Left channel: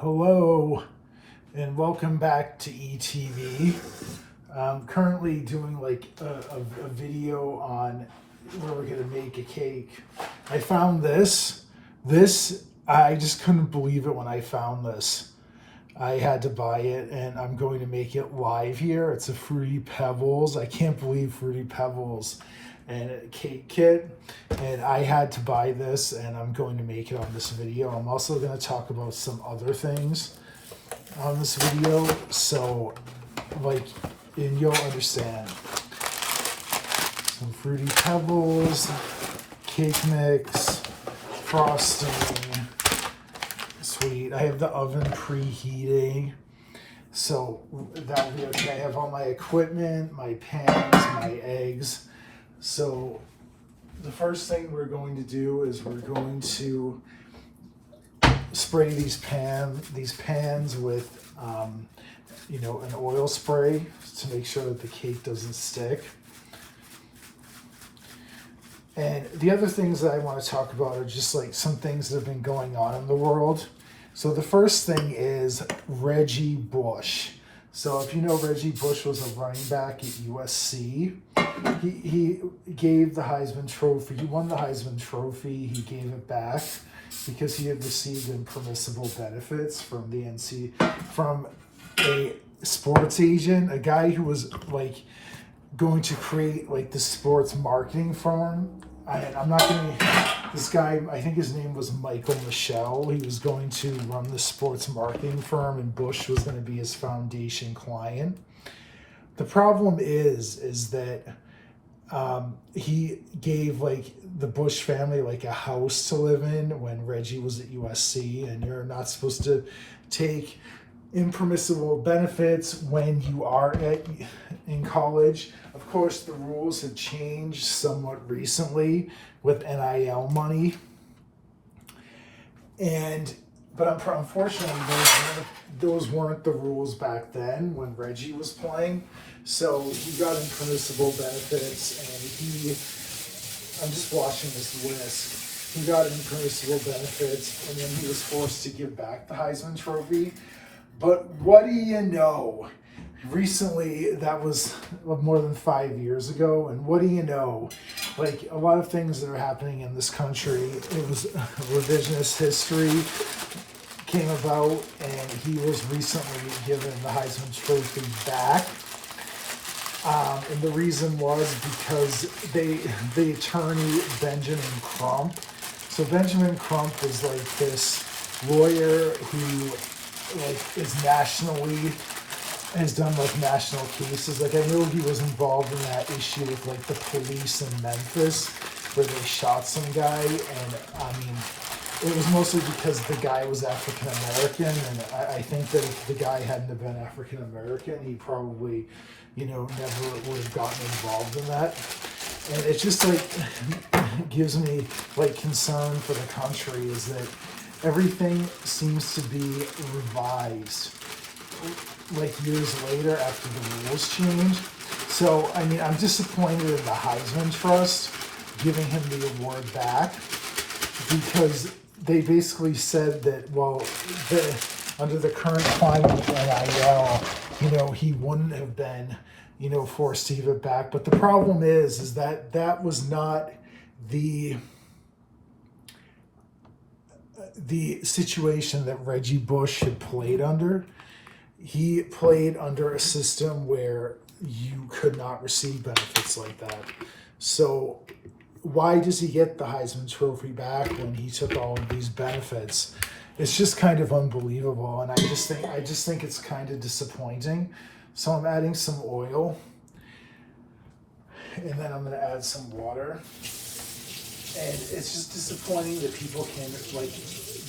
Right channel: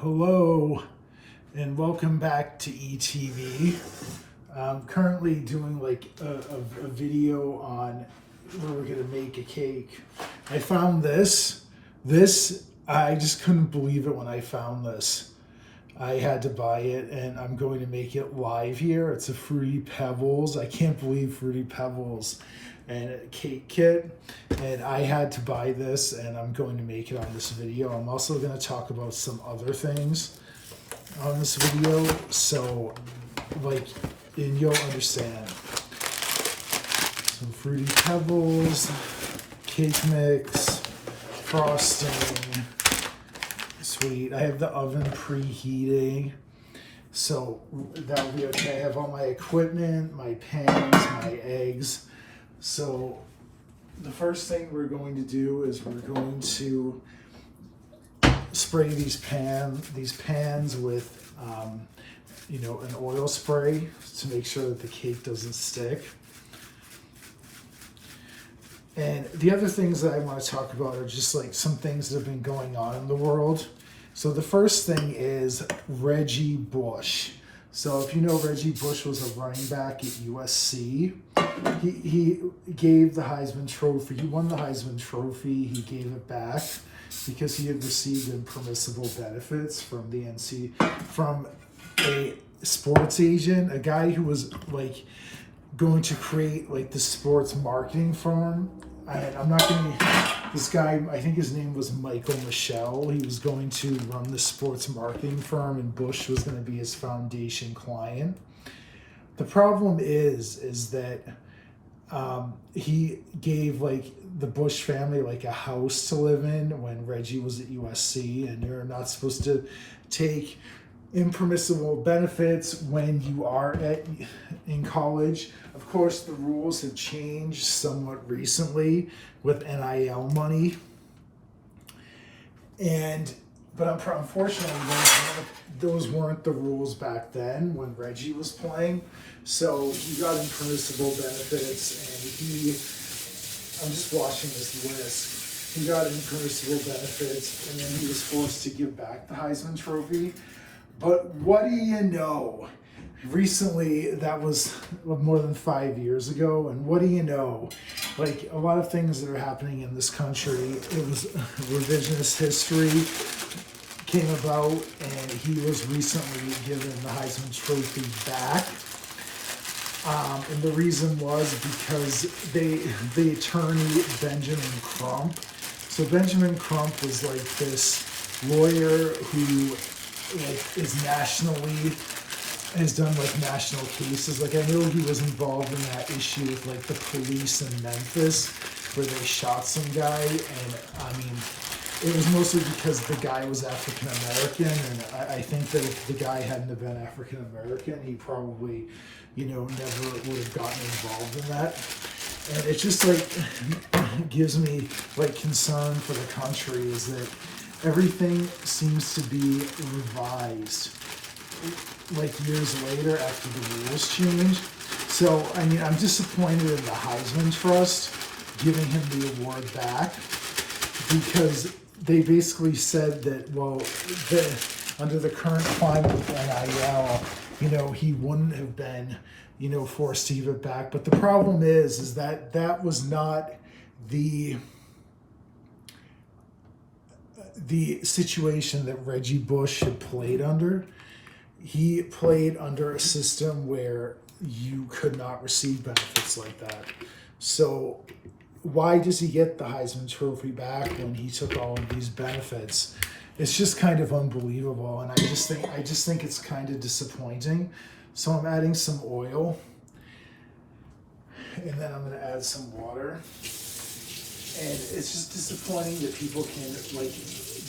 Hello and welcome back to ETV. I'm currently doing like a video on where we're gonna make a cake. I found this. I just couldn't believe it when I found this. I had to buy it and I'm going to make it live here. It's a Fruity Pebbles. I can't believe Fruity Pebbles and a cake kit, and I had to buy this and I'm going to make it on this video. I'm also going to talk about some other things on this video, so and you'll understand. Some Fruity Pebbles, cake mix, frosting, sweet. I have the oven preheating, so that'll be okay. I have all my equipment, my pans, my eggs. So the first thing we're going to do is we're going to spray these pans with an oil spray to make sure that the cake doesn't stick. And the other things that I want to talk about are just like some things that have been going on in the world. So the first thing is Reggie Bush. So if you know, Reggie Bush was a running back at USC. He gave the Heisman Trophy. He won the Heisman Trophy. He gave it back because he had received impermissible benefits from from a sports agent, a guy who was like going to create like the sports marketing firm. This guy, I think his name was Michael Michelle. He was going to run the sports marketing firm and Bush was going to be his foundation client. The problem is that he gave like the Bush family like a house to live in when Reggie was at USC, and you're not supposed to take impermissible benefits when you are in college. Of course, the rules have changed somewhat recently with NIL money, but unfortunately, those weren't the rules back then when Reggie was playing. So he got impermissible benefits, and I'm just watching this whisk. He got impermissible benefits, and then he was forced to give back the Heisman Trophy. But what do you know? Recently, that was more than 5 years ago, and what do you know? Like, a lot of things that are happening in this country, it was revisionist history came about, and he was recently given the Heisman Trophy back. And the reason was because the attorney, Benjamin Crump. So Benjamin Crump is like this lawyer who has done like national cases. Like, I know he was involved in that issue with like the police in Memphis where they shot some guy, and I mean, it was mostly because the guy was African American, and I think that if the guy hadn't have been African American, he probably, never would have gotten involved in that. And it just like gives me like concern for the country is that everything seems to be revised like years later after the rules changed. So, I mean, I'm disappointed in the Heisman Trust giving him the award back because they basically said that, under the current climate of NIL, he wouldn't have been, forced to give it back. But the problem is that was not the situation that Reggie Bush had played under. He played under a system where you could not receive benefits like that. So why does he get the Heisman Trophy back when he took all of these benefits? It's just kind of unbelievable, and I just think it's kind of disappointing. So I'm adding some oil, and then I'm going to add some water. And it's just disappointing that people can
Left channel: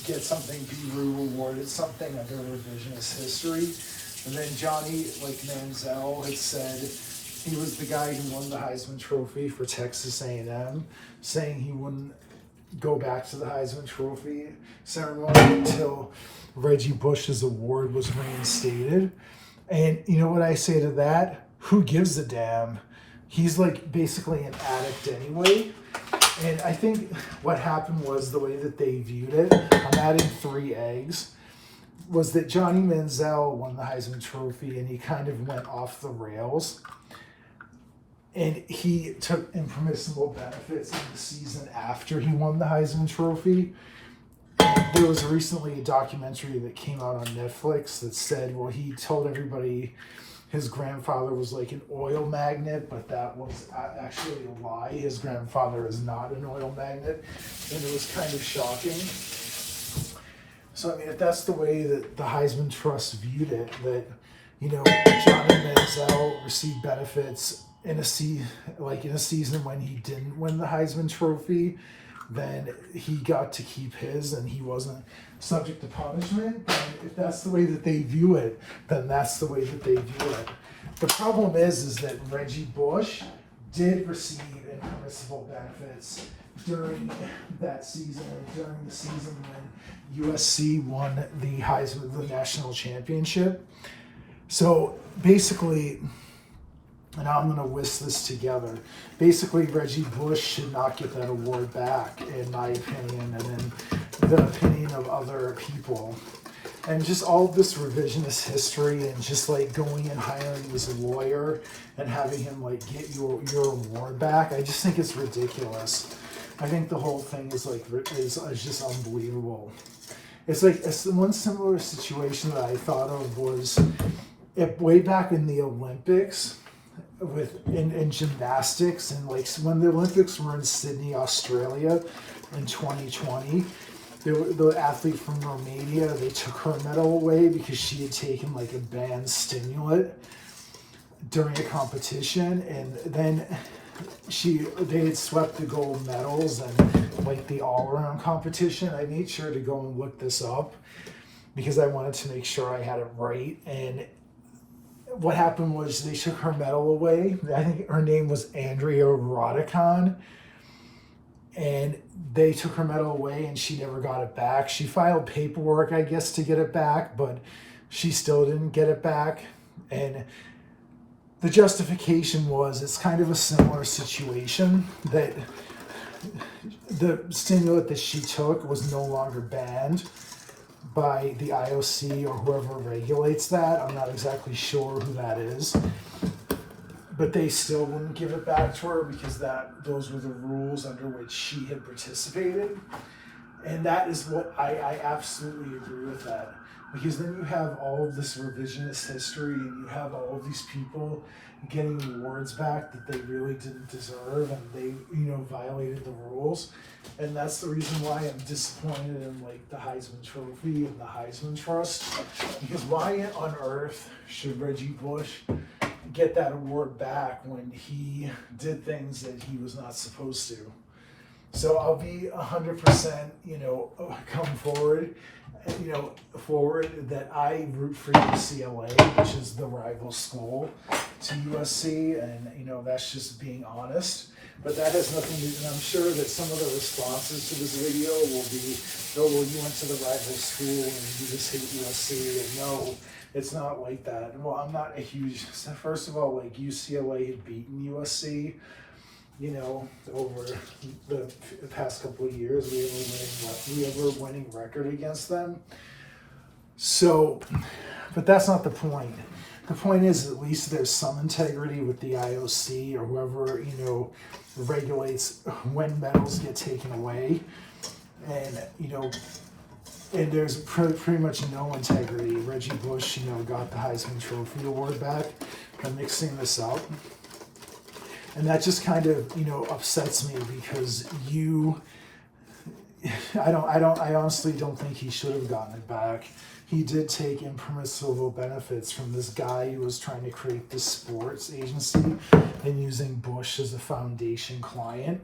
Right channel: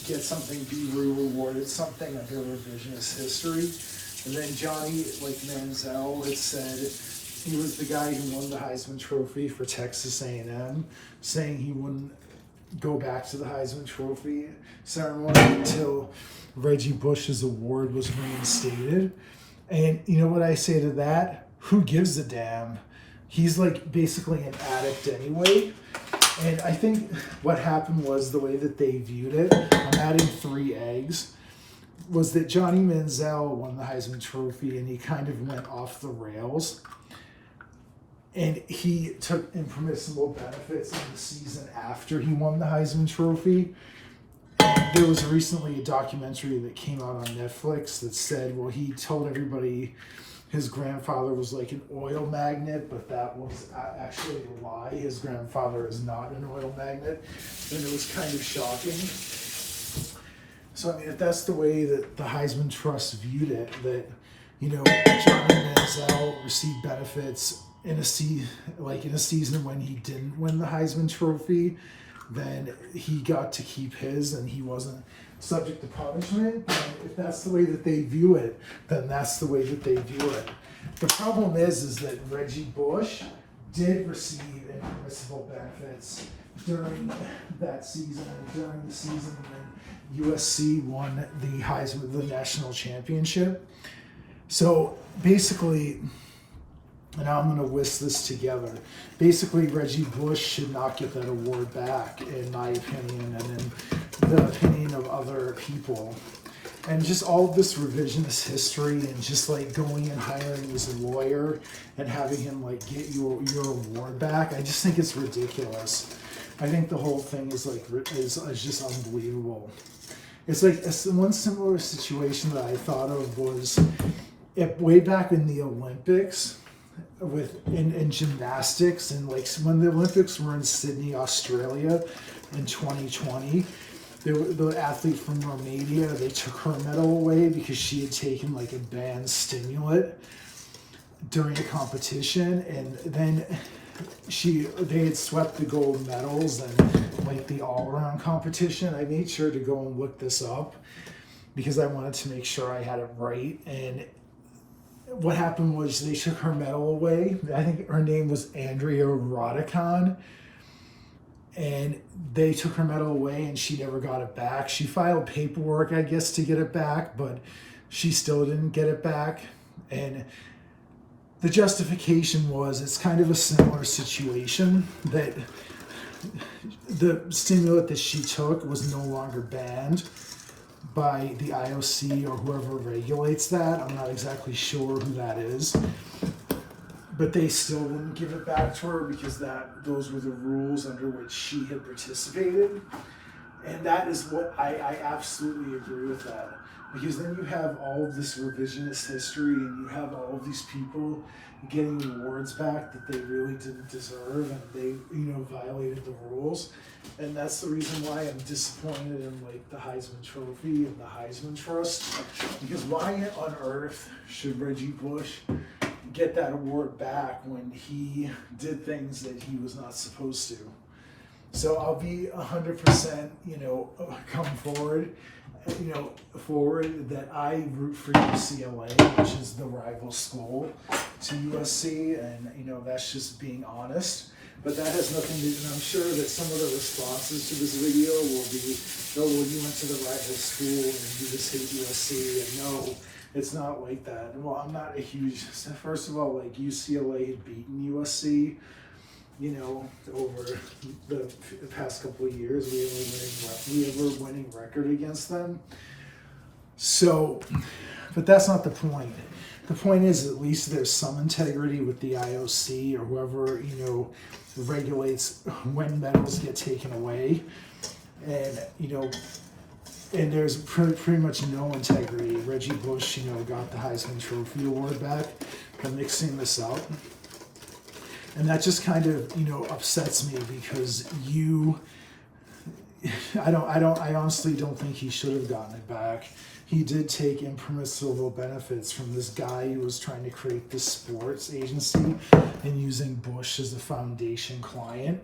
get something, be rewarded something under revisionist history. And then Johnny Manziel had said he was the guy who won the Heisman Trophy for Texas A&M, saying he wouldn't go back to the Heisman Trophy ceremony until Reggie Bush's award was reinstated. And you know what I say to that? Who gives a damn? He's basically an addict anyway. And I think what happened was the way that they viewed it. I'm adding 3 eggs. was that Johnny Manziel won the Heisman Trophy, and he kind of went off the rails. And he took impermissible benefits in the season after he won the Heisman Trophy. And there was recently a documentary that came out on Netflix that said, well, he told everybody his grandfather was like an oil magnate, but that was actually a lie. His grandfather is not an oil magnate, and it was kind of shocking. So, I mean, if that's the way that the Heisman Trust viewed it, that, you know, Johnny Manziel received benefits in a season when he didn't win the Heisman Trophy, then he got to keep his and he wasn't subject to punishment. And if that's the way that they view it, then that's the way that they view it. The problem is that Reggie Bush did receive impermissible benefits during that season and during the season when USC won the Heisman, the national championship. So basically, and I'm going to whisk this together. Basically, Reggie Bush should not get that award back, in my opinion, and in the opinion of other people. And just all of this revisionist history and just like going and hiring his lawyer and having him like get your award back, I just think it's ridiculous. I think the whole thing is like is just unbelievable. It's like one similar situation that I thought of was way back in the Olympics, in gymnastics, and like when the Olympics were in Sydney, Australia in 2020, the athlete from Romania, they took her medal away because she had taken like a banned stimulant during a competition, and then they had swept the gold medals and like the all-around competition. I made sure to go and look this up because I wanted to make sure I had it right. And what happened was they took her medal away. I think her name was Andrea Rodicon. And they took her medal away and she never got it back. She filed paperwork, I guess, to get it back, but she still didn't get it back. And the justification was it's kind of a similar situation, that the stimulant that she took was no longer banned by the IOC or whoever regulates that. I'm not exactly sure who that is, but they still wouldn't give it back to her because those were the rules under which she had participated. And that is what I absolutely agree with that, because then you have all of this revisionist history and you have all of these people getting awards back that they really didn't deserve, and they violated the rules. And that's the reason why I'm disappointed in like the Heisman Trophy and the Heisman Trust, because why on earth should Reggie Bush get that award back when he did things that he was not supposed to? So I'll be 100%, come forward, that I root for UCLA, which is the rival school to USC, and that's just being honest. But that has nothing to do, and I'm sure that some of the responses to this video will be, oh, well, you went to the rival school and you just hate USC, and no, it's not like that. Well, I'm not a huge, first of all, like UCLA had beaten USC, over the past couple of years. We have a winning record against them. So, but that's not the point. The point is, at least there's some integrity with the IOC or whoever, regulates when medals get taken away. And, and there's pretty much no integrity. Reggie Bush, got the Heisman Trophy award back. I'm mixing this up. And that just kind of, upsets me because I honestly don't think he should have gotten it back. He did take impermissible benefits from this guy who was trying to create this sports agency and using Bush as a foundation client.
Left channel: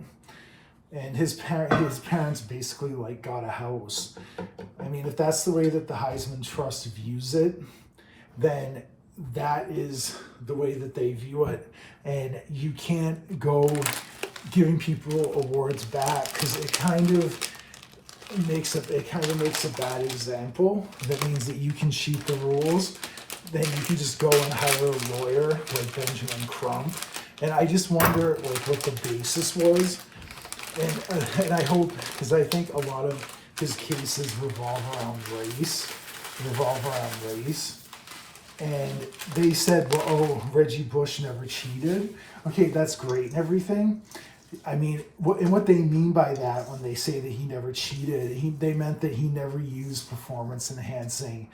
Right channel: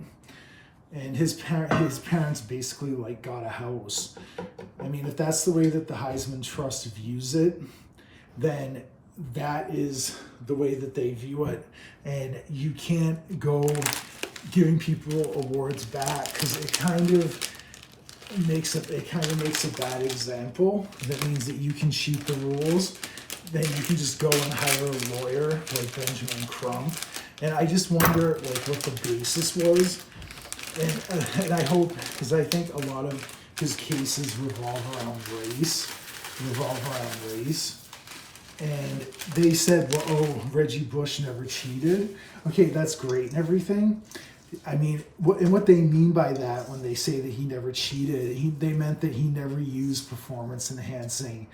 And his parents basically like got a house. I mean, if that's the way that the Heisman Trust views it, then that is the way that they view it. And you can't go giving people awards back because it kind of makes a bad example. That means that you can cheat the rules. Then you can just go and hire a lawyer like Benjamin Crump. And I just wonder what the basis was. And I hope, because I think a lot of his cases revolve around race. revolve around race. And they said, well, oh, Reggie Bush never cheated. Okay, that's great and everything. I mean, what they mean by that when they say that he never cheated, they meant that he never used performance enhancing.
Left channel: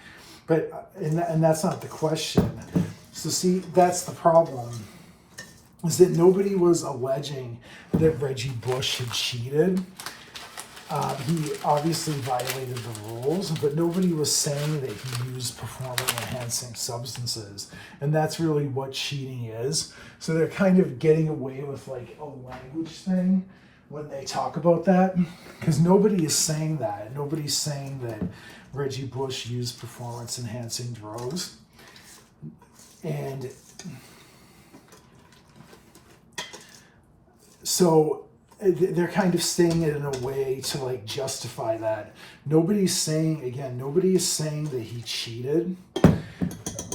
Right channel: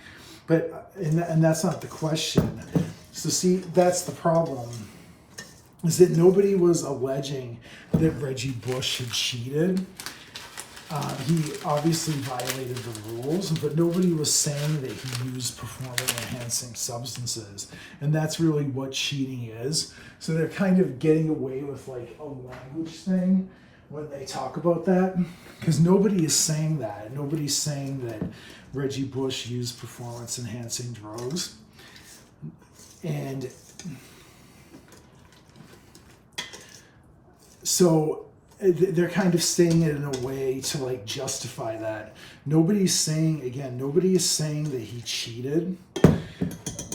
But, and that's not the question. So see, that's the problem, is that nobody was alleging that Reggie Bush had cheated. He obviously violated the rules, but nobody was saying that he used performance-enhancing substances. And that's really what cheating is. So they're kind of getting away with like a language thing when they talk about that, because nobody is saying that. Nobody's saying that Reggie Bush used performance-enhancing drugs. And so they're kind of saying it in a way to like justify that. Nobody's saying that he cheated,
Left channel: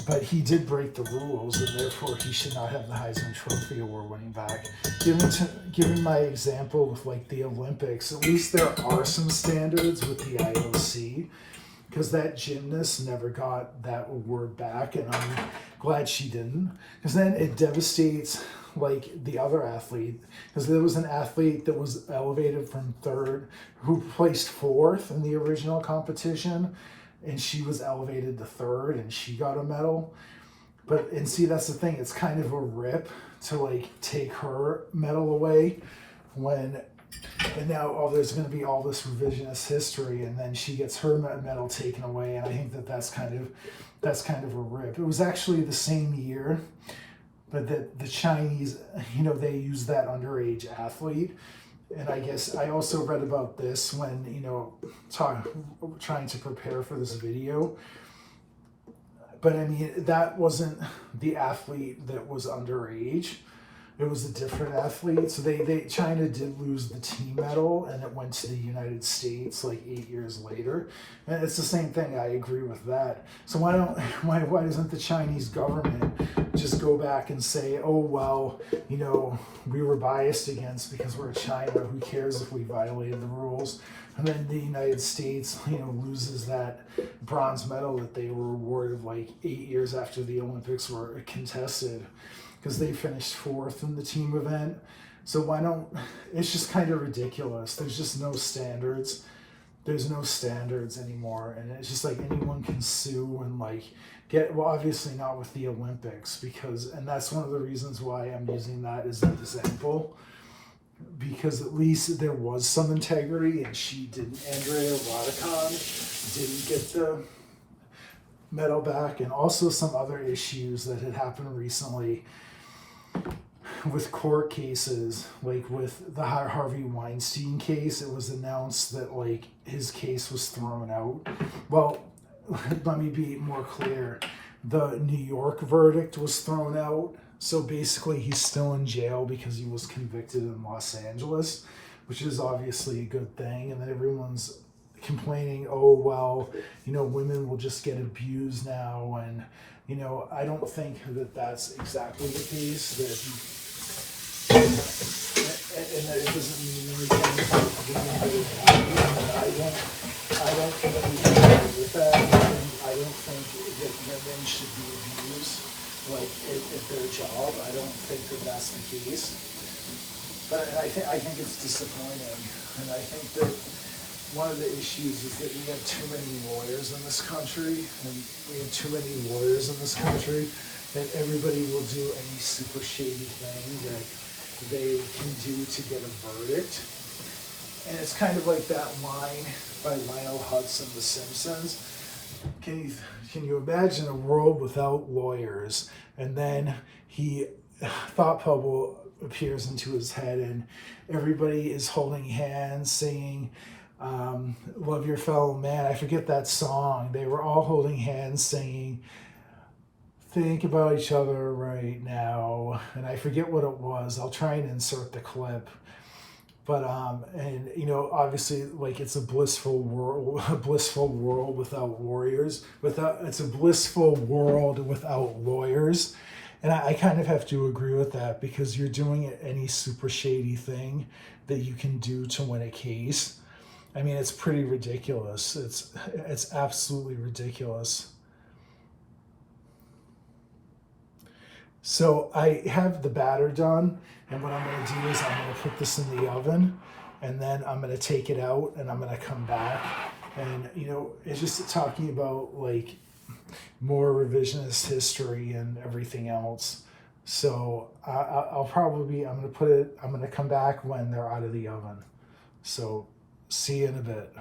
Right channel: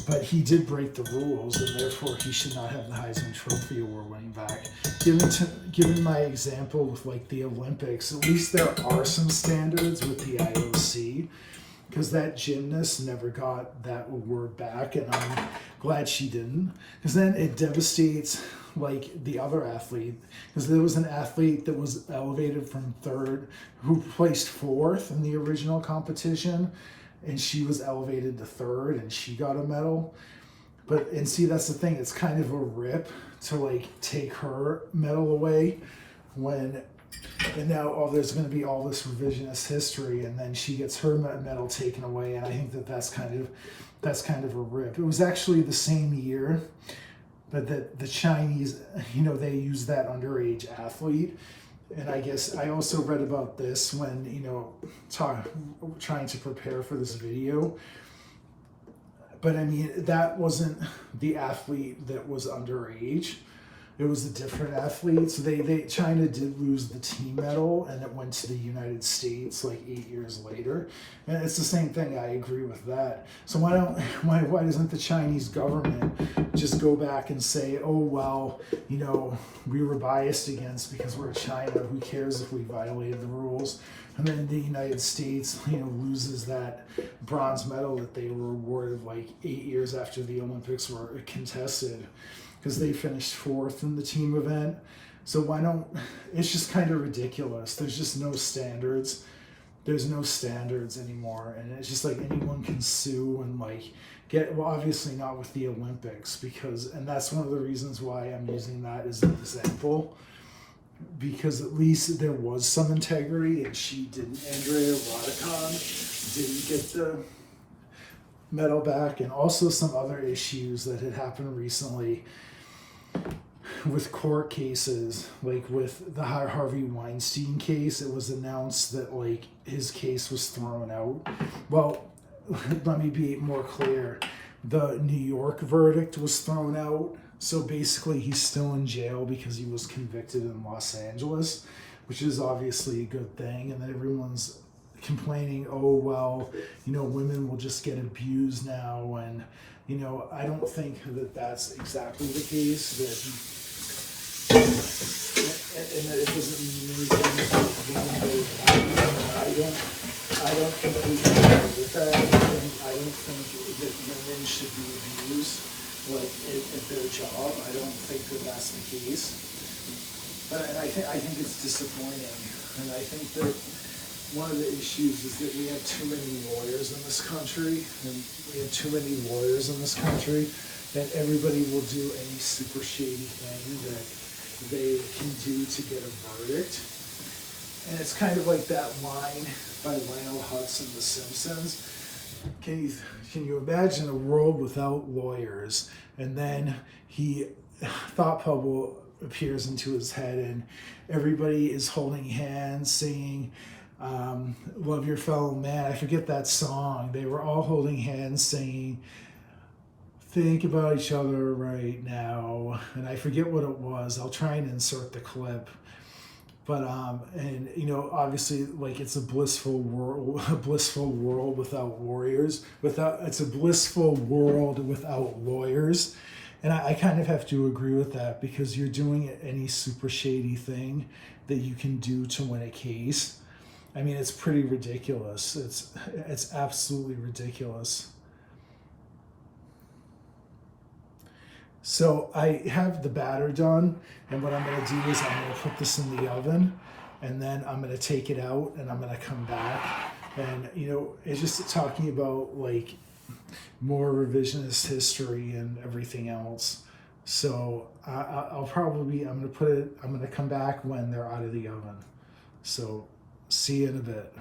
but he did break the rules, and therefore he should not have the Heisman Trophy award winning back. Given my example with like the Olympics, at least there are some standards with the IOC, because that gymnast never got that award back, and I'm glad she didn't, because then it devastates like the other athlete, because there was an athlete that was elevated from third who placed fourth in the original competition, and she was elevated to third and she got a medal. And see, that's the thing, it's kind of a rip to like take her medal away and now there's going to be all this revisionist history, and then she gets her medal taken away, and I think that's kind of a rip. It was actually the same year, but that the Chinese, they used that underage athlete. And I guess I also read about this when, trying to prepare for this video. But I mean, that wasn't the athlete that was underage. It was a different athlete. So China did lose the team medal, and it went to the United States like 8 years later. And it's the same thing. I agree with that. So why doesn't the Chinese government just go back and say, oh well, we were biased against because we're China. Who cares if we violated the rules? And then the United States, loses that bronze medal that they were awarded like 8 years after the Olympics were contested, because they finished fourth in the team event. So it's just kind of ridiculous. There's just no standards. There's no standards anymore. And it's just like anyone can sue and like obviously not with the Olympics, and that's one of the reasons why I'm using that as an example, because at least there was some integrity, and Andrea Rodicon didn't get the medal back, and also some other issues that had happened recently with court cases, like with the Harvey Weinstein case. It was announced that like his case was thrown out. Well, let me be more clear. The New York verdict was thrown out. So basically he's still in jail because he was convicted in Los Angeles, which is obviously a good thing. And then everyone's complaining, oh, well, women will just get abused now. And, I don't think that that's exactly the case. And that it doesn't mean anything. I don't think we can agree with that. I don't think that women should be abused at their job. I don't think that that's the case. But I think it's disappointing. And I think that one of the issues is that we have too many lawyers in this country, that everybody will do any super shady thing that they can do to get a verdict. And it's kind of like that line by Lionel Hutz in The Simpsons. Can you imagine a world without lawyers? And then thought bubble appears into his head, and everybody is holding hands, singing Love Your Fellow Man. I forget that song. They were all holding hands, singing Think About Each Other Right Now. And I forget what it was. I'll try and insert the clip. But obviously, like, it's a blissful world without warriors. It's a blissful world without lawyers. And I kind of have to agree with that, because you're doing any super shady thing that you can do to win a case. I mean, it's pretty ridiculous. It's absolutely ridiculous. So I have the batter done, and what I'm going to do is I'm going to put this in the oven, and then I'm going to take it out, and I'm going to come back. And, you know, it's just talking about like more revisionist history and everything else. So I'll probably, I'm going to come back when they're out of the oven. So see you in a bit.